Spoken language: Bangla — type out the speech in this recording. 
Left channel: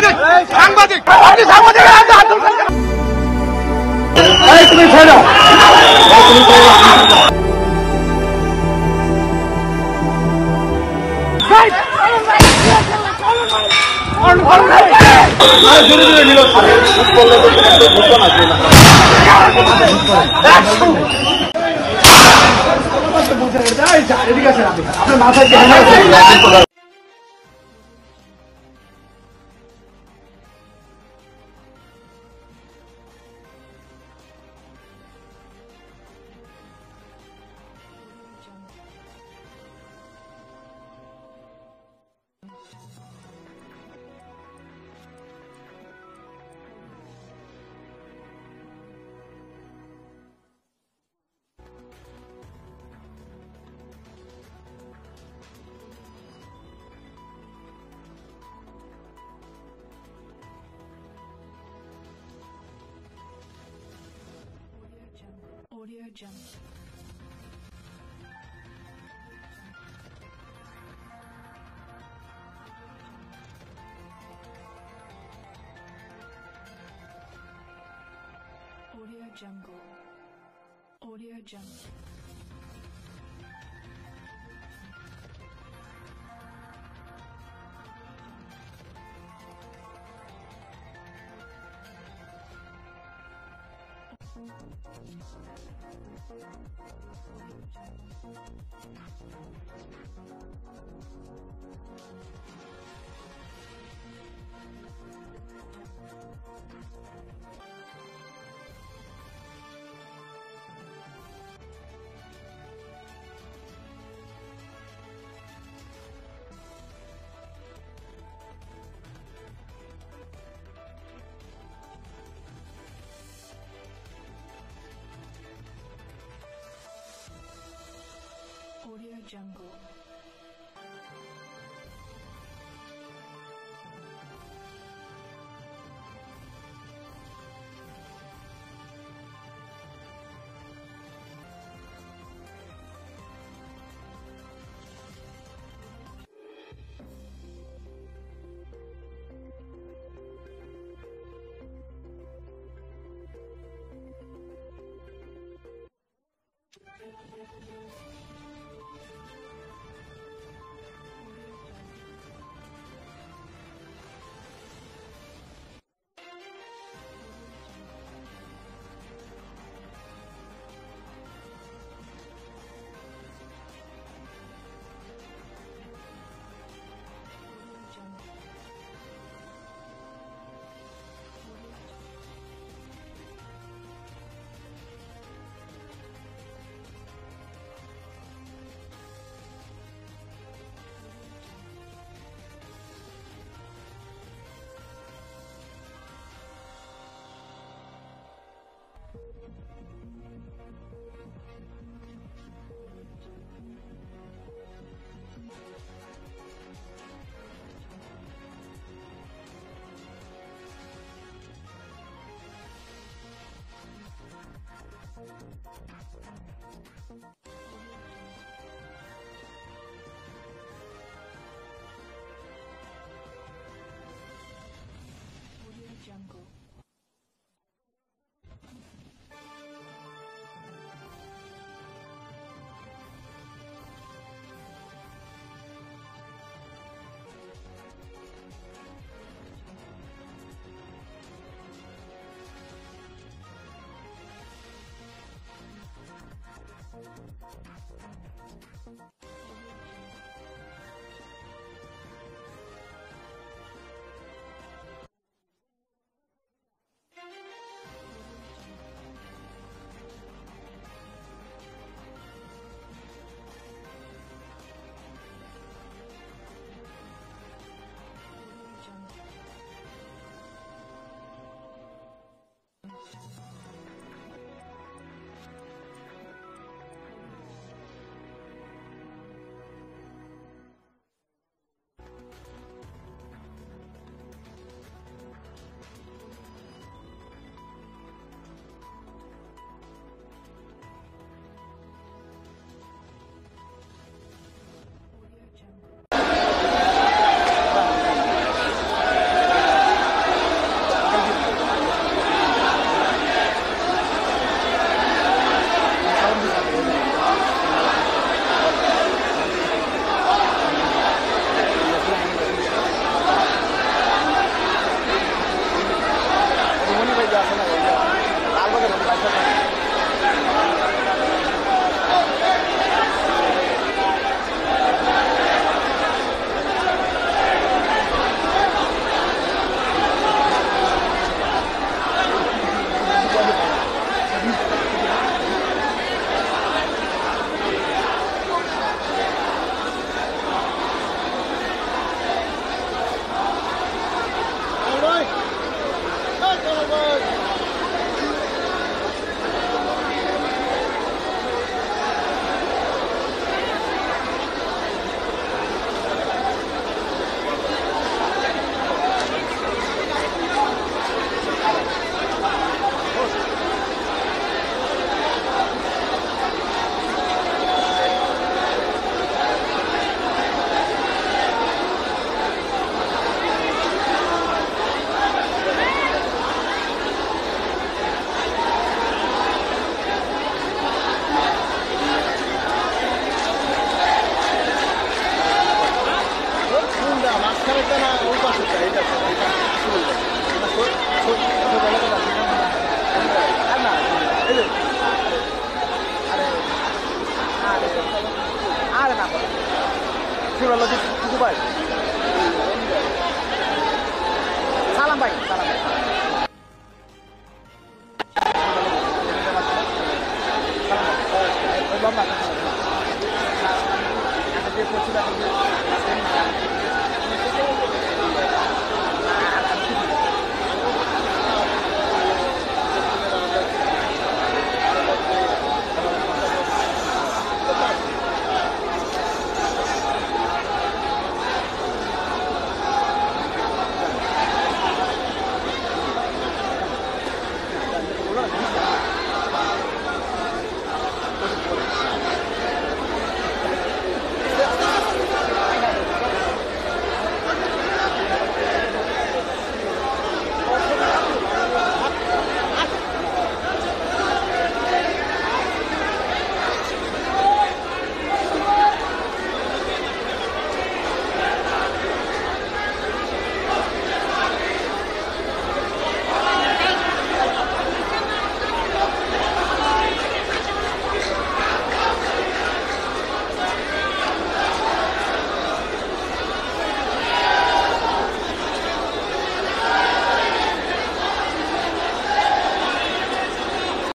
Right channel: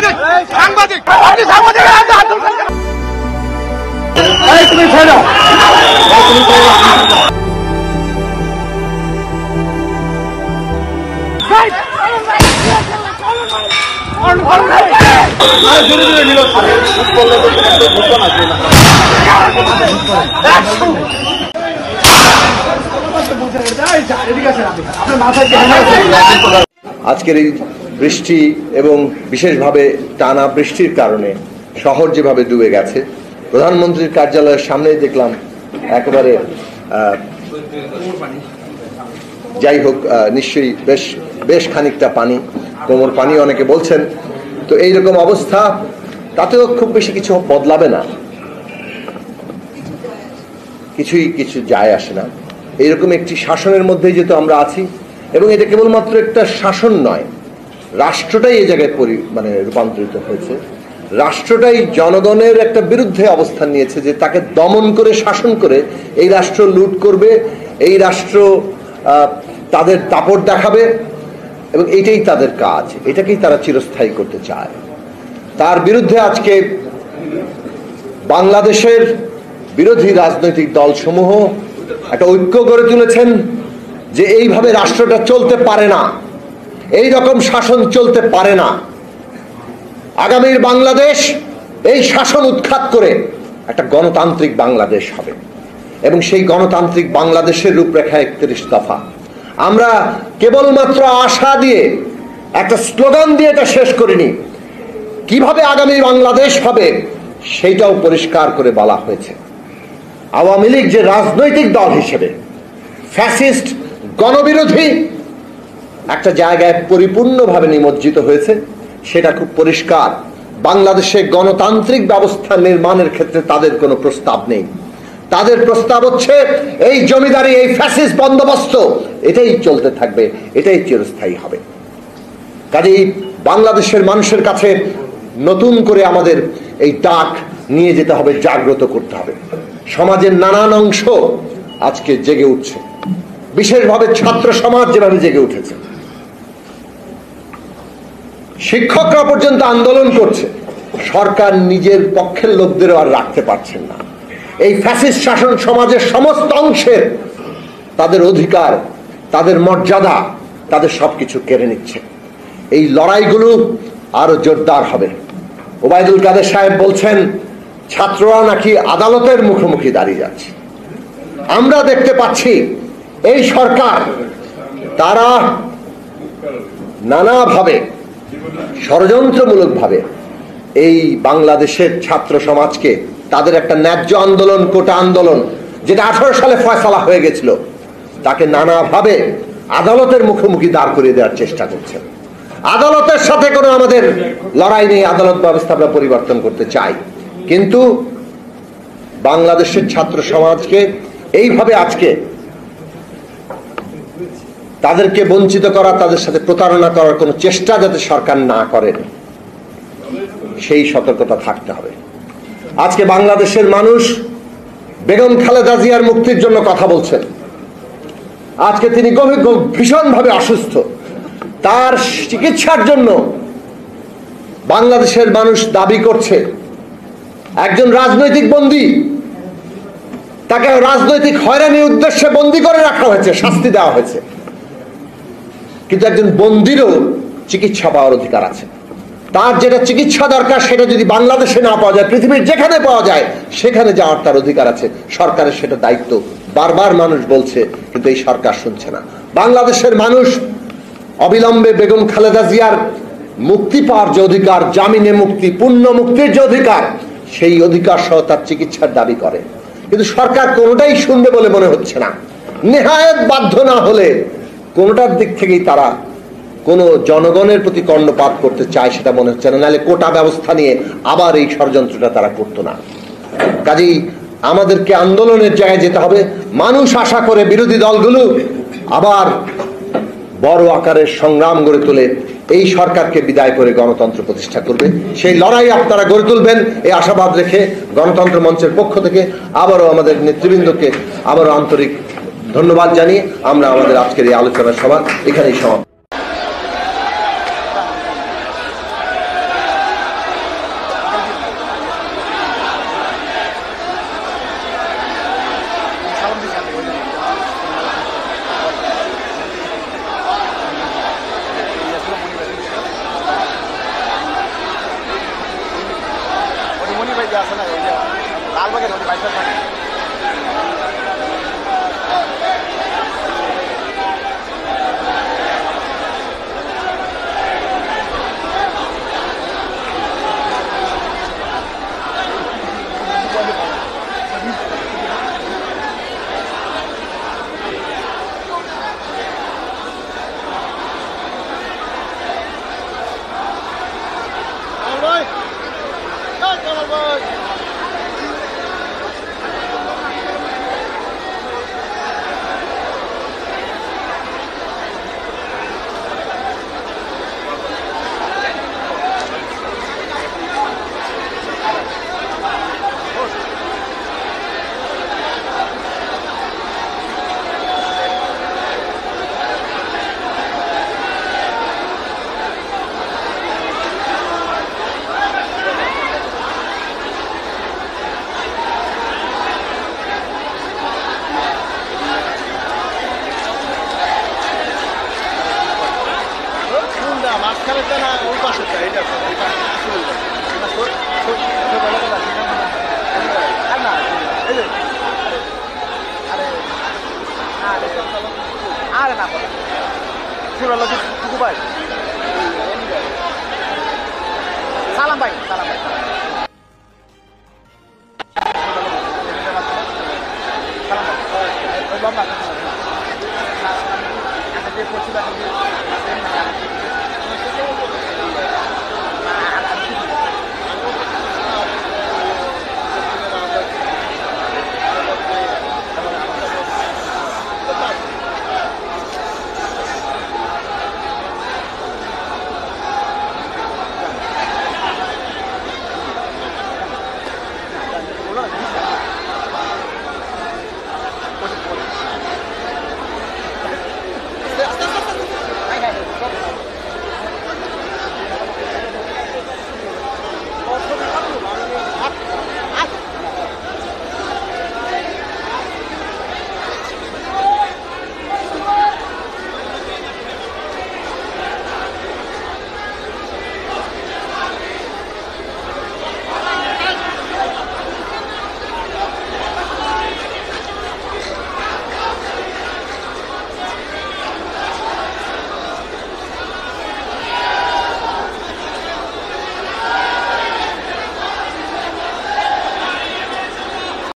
সাংবাদিক সাংবাদিক আপনি সাংবাদিক এই তুমি ছেড়ো আজকের এই বৃষ্টি এবং বিশেষভাবে টানা বৃষ্টির কারণে শহর যেভাবে ডুবে গেছে, প্রধানমন্ত্রীর কার্যালয়ের সামনেই দেখলাম একেবারে যাই হোক নিশ্চয়ই বেশ খানিকটা পানি, কোমর পানি অনেকে বলছেন। তো এইরকম অবস্থা, তাতেও খুব বেশি কিছু বদলাবে না, কিছু যায় আসে না। এইরকম একটি শাসনের মধ্যেই যেহেতু আমরা আছি, এবং এটা কেবলমাত্র একটা শাসন নয়, রাষ্ট্রটাই এই জায়গায় রূপান্তরিত হয়েছে। রাষ্ট্রটাই জনগণের একটা বিরুদ্ধে অবস্থান নিয়েছে যে তাকে দমন করে শাসন করে এই রাষ্ট্র লুট করবে, এই রাষ্ট্র তাদের দাপট দেখাবে, এবং এইটাই তাদের কাজ, এটাকেই তারা চিরস্থায়ী করতে চায়। তার বিরুদ্ধে আজকে বাংলাদেশের বিরোধী রাজনৈতিক দলসমূহ একটা ঐক্য গড়ে তুলেছেন যে এইভাবে রাষ্ট্রটা চলতে পারে না, এই রকম শাসন চলতে পারে না। আগামীর বাংলাদেশ এই শাসন উৎখাত করে একটা গণতান্ত্রিক বাংলাদেশ হবে, এবং সেই গণতান্ত্রিক বাংলাদেশের রূপরেখা 31 দফা। আমরা কেবলমাত্র আশা দিয়ে একটা স্লোগান দিয়ে এটা শেষ করিনি, কিভাবে আগামী বাংলাদেশ হবে সেইটাও পরিষ্কার করে বলা হয়েছে। আওয়ামী লীগ যে রাজনৈতিক দল হিসেবে ফ্যাসিস্ট গণবিরোধী একটা জায়গায় পরিপূর্ণভাবে নিমজ্জিত হয়েছে, সেটা খুব পরিষ্কার। বাংলাদেশে গণতান্ত্রিক ব্যবস্থা নির্মাণের ক্ষেত্রে তাদের কোনো প্রস্তাব নেই। তাদের প্রস্তাব হচ্ছে এই জমিদারি, এই ফ্যাসিস্ট বন্দোবস্ত, এটাই চলতে থাকবে, এটাই চিরস্থায়ী হবে। কাজেই বাংলাদেশের মানুষের কাছে নতুন করে আমাদের এই ডাক নিয়ে যেতে হবে, জাগ্রত করতে হবে। সমাজের নানান অংশ আজকে জেগে উঠছে, বিশেষভাবে ছাত্র সমাজ যেভাবে জেগে উঠেছে, শিক্ষকরা পর্যন্ত আন্দোলন করছে। সরকার নিজের পক্ষের লোকদেরও আর রাখতে পারছেন না। এই ফ্যাসিস্ট শাসন সমাজের সমস্ত অংশের তাদের অধিকার, তাদের মর্যাদা, তাদের সবকিছু কেড়ে নিচ্ছে। এই লড়াইগুলো আরো জোরদার হবে। ওবায়দুল কাদের সাহেব বলছেন ছাত্ররা নাকি আদালতের মুখোমুখি দাঁড়িয়ে যাচ্ছে। আমরা দেখতে পাচ্ছি এই সরকার তারা নানাভাবে ষড়যন্ত্রমূলকভাবে এই বাংলাদেশের ছাত্র সমাজকে তাদের একটা ন্যায্য আন্দোলন, কোটা আন্দোলন, যেটা 18 সালে ফয়সালা হয়ে গেছিল, তাকে নানাভাবে আদালতের মুখোমুখি দাঁড় করিয়ে দেওয়ার চেষ্টা করছে। আদালতের সাথে কোনো আমাদের লড়াই নেই, আদালত ব্যবস্থা আমরা পরিবর্তন করতে চাই, কিন্তু বাংলাদেশের ছাত্র সমাজকে এইভাবে আজকে তাদেরকে বঞ্চিত করা, তাদের সাথে প্রতারণা করার কোনো চেষ্টা যাতে সরকার না করেন, সেই সতর্কতা থাকতে হবে। আজকে বাংলাদেশের মানুষ বেগম খালেদা জিয়ার মুক্তির জন্য কথা বলছেন। আজকে তিনি ভীষণভাবে অসুস্থ, তার চিকিৎসার জন্য বাংলাদেশের মানুষ দাবি করছে একজন রাজনৈতিক বন্দী, তাকে রাজনৈতিক হয়রানির উদ্দেশ্যে বন্দী করে রাখা হয়েছে, শাস্তি দেওয়া হয়েছে, কিন্তু একজন বন্দীরও চিকিৎসা পাওয়ার অধিকার আছে। তার যেটা চিকিৎসা দরকার সেটা যদি বাংলাদেশে না পাওয়া যায়, পৃথিবীর যেখানে পাওয়া যায় সেখানে যাওয়ার তার অধিকার আছে। সরকারের সেটা দায়িত্ব, বারবার মানুষ বলছে, কিন্তু এই সরকার শুনছে না। বাংলাদেশের মানুষ অবিলম্বে বেগম খালেদা জিয়ার মুক্তি পাওয়ার যে অধিকার, জামিনে মুক্তি, পূর্ণ মুক্তির যে অধিকার, সেই অধিকার সহ তার চিকিৎসার দাবি করে, কিন্তু সরকার কোনোটাই শুনবে বলে মনে হচ্ছে না। নেহায়েত বাধ্য না হলে কোনোটার দিক থেকেই তারা কোনো জনগণের প্রতি কর্ণপাত করতে চায় সেটা মনে হচ্ছে না, নাহলে কোটা ব্যবস্থা নিয়ে আবার এই ষড়যন্ত্রটা তারা করতো না। কাজেই আমাদেরকে আন্দোলনের জায়গায় যেতে হবে। মানুষ আশা করে বিরোধী দলগুলো আবার বড় আকারের সংগ্রাম গড়ে তোলে, এই সরকারকে বিদায় করে গণতন্ত্র প্রতিষ্ঠা করবে। সেই লড়াই আপনারা গড়ে তুলবেন এই আশাবাদ রেখে গণতন্ত্র মঞ্চের পক্ষ থেকে আবারও আমাদের নেতৃবৃন্দকে আবারও আন্তরিক ধন্যবাদ জানিয়ে আমরা আমাদের আজকের এই আলোচনা সভা এখানেই সমাপ্ত। সালাম ভাই সালাম